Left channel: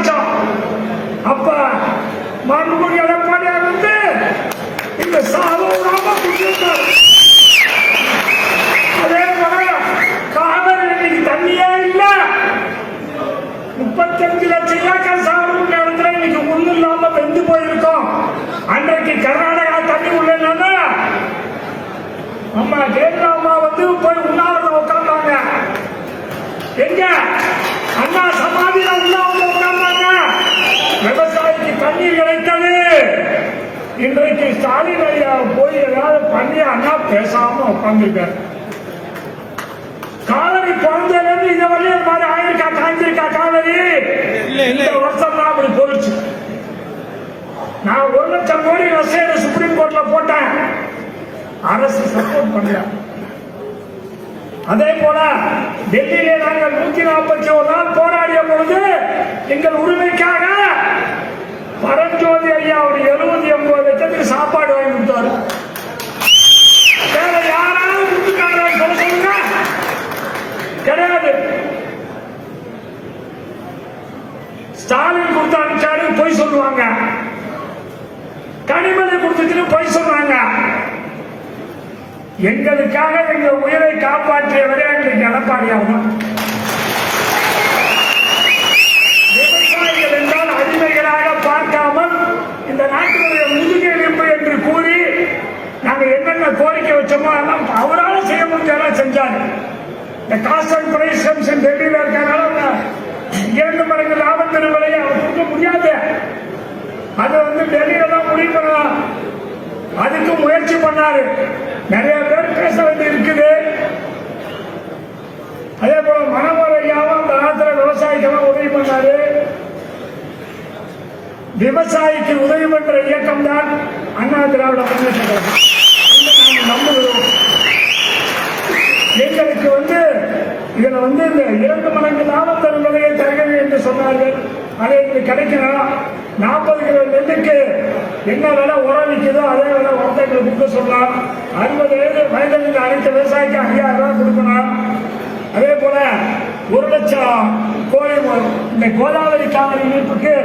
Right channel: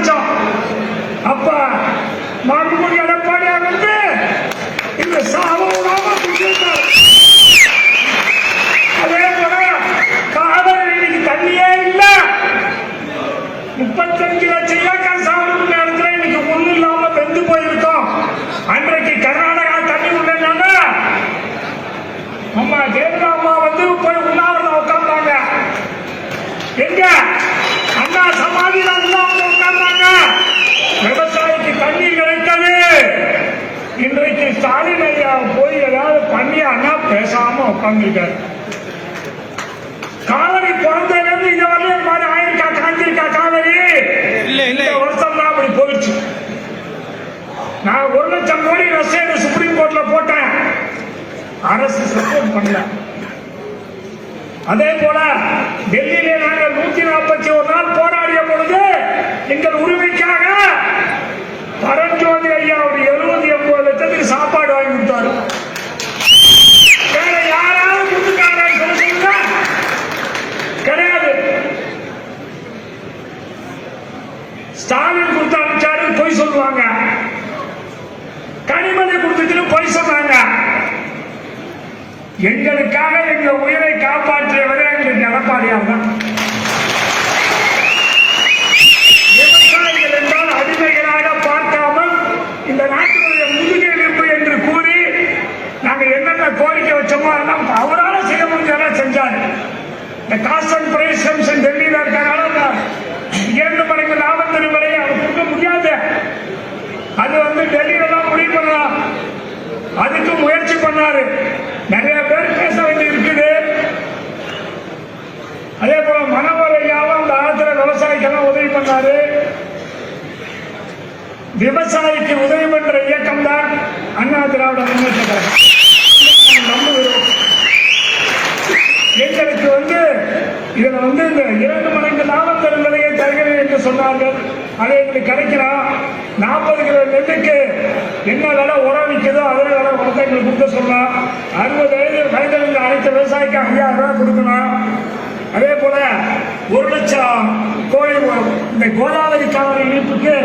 ஆரம்பிச்சோம். அப்ப மாண்புமிகு எடப்பாடியார் வந்து இந்த சாவோடாம அதே போல காவிரி தண்ணியே இல்ல. 35 லட்சம் ஏக்கர் சாகுபடி இடத்துல இன்னைக்கு ஒண்ணு இல்லாம வெந்து போயிருக்கோம். அன்றைக்கு கர்நாடகா தண்ணி உடனே அம்மா ஜெயலலிதா அம்மா வந்து போய் உண்ணாவிரதம் உட்கார்ந்தாங்க. எங்க அண்ணா சமாதியில உண்ணாவிரதம் உட்கார்ந்தாங்க. விவசாயிக்கு தண்ணீர் கிடைத்தது. இன்றைக்கு ஸ்டாலின் ஐயா போய் ஏதாவது பண்ணி அண்ணா பேசாம உட்கார்ந்துருக்காரு. காவிரி பிறந்ததுலேருந்து இங்க வரையும் மாதிரி ஆயிருக்கா காய்ஞ்சிருக்கா காவிரி? இந்த வருஷம் தான் அப்படி போயிடுச்சு. நான் 1 லட்சம் கோடி ரசீது சுப்ரீம் கோர்ட்ல போட்டேன். அரசு சப்போர்ட் பண்ணல. அதே போல டெல்லியிலே நாங்கள் 141 நாள் போராடிய பொழுது எங்கள் உரிமைக்காக பரஞ்சோதி ஐயா அவர் 70-80 லட்சத்துக்கு சாப்பாடு வாங்கி கொடுத்தாரு. வேற யாராவது கொடுத்துட்டாங்க சொல்லுங்க? கிடையாது. ஸ்டாலின் கொடுத்து அனுப்பிச்சாரு பொய் சொல்லுவாங்க. கனிமொழி கொடுத்துட்டு பொய் சொன்னாங்க. எங்களுக்காக எங்க உயிரை காப்பாற்றியவரே எங்களுக்கு எடப்பாடியார் தான். விவசாயிகள் என்றால் அடிமைகளாக பார்க்காமல் இந்த நாட்டினுடைய முதுகெலும்பு என்று கூறி நாங்கள் என்னென்ன கோரிக்கை வச்சோமோ அதெல்லாம் அவரால் செய்ய முடிஞ்சதெல்லாம் செஞ்சாரு. இந்த காஸ்ட் அண்ட் பிரைஸ் கமிஷன் டெல்லியில் இருக்கிறனால 2 மடங்கு லாபத்தின் விலையை அவர் கொடுக்க முடியாது. அது வந்து டெல்லியில தான் முடிவு பண்ணலாம். அதுக்கு முயற்சி பண்ணாரு. நிறைய பேர் பேச வேண்டி இருக்குது. அதே போல மனோகர் ஐயாவும் அந்த ஆத்திர விவசாயிக்கெல்லாம் உதவி பண்ணாரு. விவசாயிக்கு உதவி பண்ற இயக்கம் தான் அண்ணா திராவிட முன்னேற்ற கழகம். நம்புகிறோம். எங்களுக்கு வந்து இதுல வந்து இந்த 2 மடங்கு லாபத்தல் விலையை தருகிறேன் என்று சொன்னார்கள். அதை எங்களுக்கு கிடைக்கணும். 40 கிலோ நெல்லுக்கு என்ன விலை உரம் விற்குதோ அதே விலை உரத்தை எங்களுக்கு கொடுக்க சொல்லலாம். 60 வயதில் அனைத்து விவசாயிக்கு 5000 ரூபாய் கொடுக்கணும். அதே போல 1 லட்சம் கோழி இந்த கோதாவரி காவிரி இணைப்புக்கு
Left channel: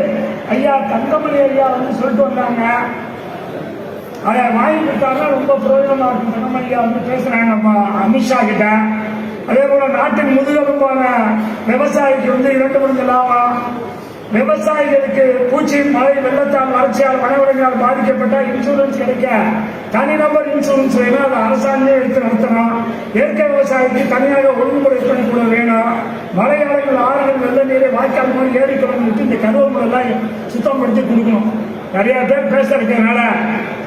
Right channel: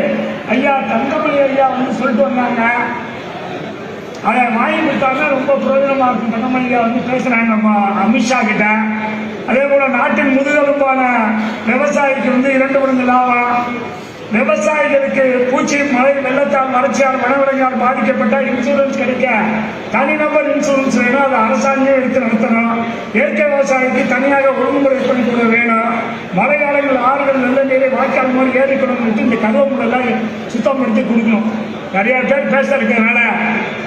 ஐயா தங்கமணி ஐயா வந்து சொல்லிட்டு வந்தாங்க. அதை வாங்கி கொடுத்தாங்கன்னா ரொம்ப பிரயோஜனமா இருக்கும். தங்கமணி ஐயா வந்து பேசுறாங்க அமித்ஷா கிட்ட. அதே போல நாட்டின் முதுகெலும்பான விவசாயிக்கு வந்து 2 மடங்கு லாபம். விவசாயிகளுக்கு பூச்சி மழை வெள்ளத்தால் வறட்சியால் வனவிலங்கால் பாதிக்கப்பட்டால் இன்சூரன்ஸ் கிடைக்க தனிநபர் இன்சூரன்ஸ் வேணும். அதை அரசாங்கமே எடுத்து நடத்தணும். இயற்கை விவசாயிக்கு தனியாக ஒழுங்குமுறை பண்ணி கூட வேணும். மழை காலங்கள் ஆறுகள் வெள்ள நீரை வாய்க்கால் மாதிரி ஏறிக்கணும். இந்த கதவு எல்லாம் சுத்தம் பண்ணி கொடுக்கணும். நிறைய பேர் பேச இருக்கிறதுனால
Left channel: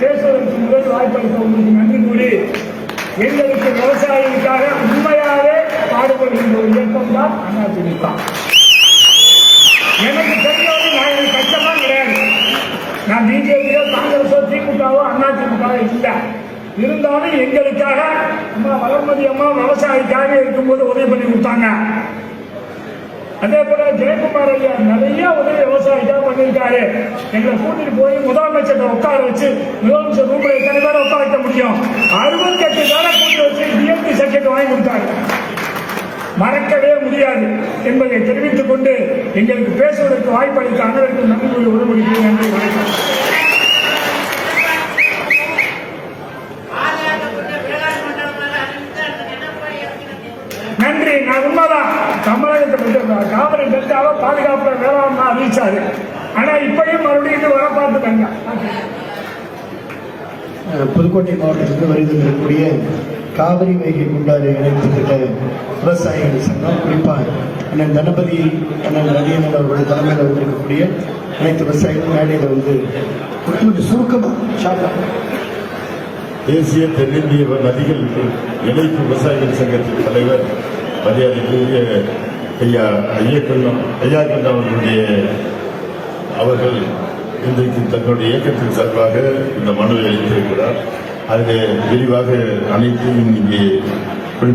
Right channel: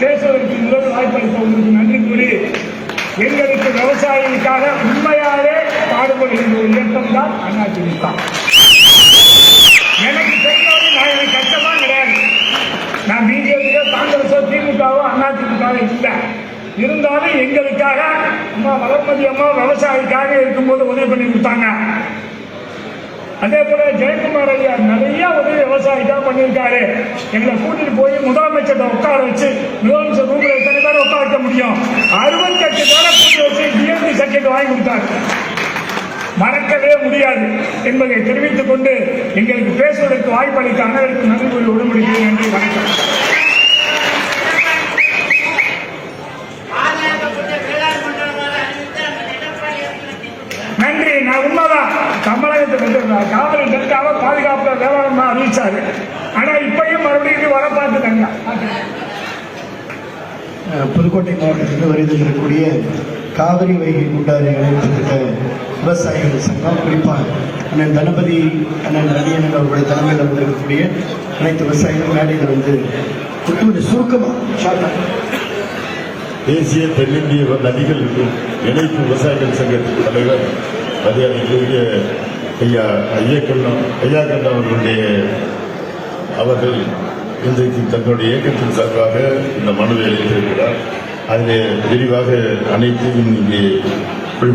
பேசுவதற்கு முதல் வாய்ப்பளித்த உங்களுக்கு நன்றி கூறி எங்களுக்கு விவசாயிகளுக்காக உண்மையாவே பாடுபடுகின்ற ஒரு இயக்கம் தான் அதிமுக. எனக்கு தெரியாது. நான் எனக்கு கஷ்டமா கிடையாது. நான் பிஜேபியோ காங்கிரஸோ திமுகவோ அதிமுகவோ இல்லை. இருந்தாலும் எங்களுக்காக அம்மா வளர்மதி அம்மா விவசாயிக்காக இருக்கும்போது உதவி பண்ணி கொடுத்தாங்க. அதே போல ஜெயக்குமார் ஐயா நிறைய உதவி விவசாயிக்காக பண்ணியிருக்காரு. எங்களை கூட்டிட்டு போய் முதலமைச்சர் உட்கார வச்சு முதலமைச்சர் ரூம்ல எத்தனை பேரை உட்கார வைக்க முடியும்? 68 பேரை கூட்டி வச்சு டிஎம்டி சர்டிபிகேட் வாங்கி கொடுத்தாரு. மறக்கவே முடியாது என்பதை தெரிவித்துக் கொண்டு எங்களுக்கு பேசுவதற்கு வாய்ப்பளித்த அனைவருக்கும் நன்றி கூறி உடன்படிக்கிறேன். நன்றி, வணக்கம். நன்றி. நான் உண்மைதான் தமிழகத்தை காவிரி டெல்டாவை பாதுகாப்பு வேளாண்மை அறிவிச்சாரு. ஆனா இப்படியும் மறுபடியும் வர பார்த்துட்டாங்க. புதுக்கோட்டை மாவட்டத்தில் வருகில் இருக்கக்கூடிய காவிரி வைகை குண்டாறு இணைப்பு திட்ட விவசாயிகள் சங்கம், குறிப்பாக அண்ணன் தனபதி அண்ணன் ரவியன் அவருடைய தலைமையில் வந்திருக்கக்கூடிய அனைத்து விவசாயிகள் மேடையில் வந்து சுருக்கமாக தேசிய தென்னிந்திய நதிகள் இணைப்பு விவசாயிகள் சங்கத்தின் தலைவர் மரியாதைக்குரிய ஐயா ஐயக்கண்டம் அவர்கள் இன்றைக்கு தன்னுடைய இயக்கத்தின் சார்பாக இந்த மனுவை அளித்திருக்கிறார். அதிலே விரிவாக அனைத்தையும் இங்கே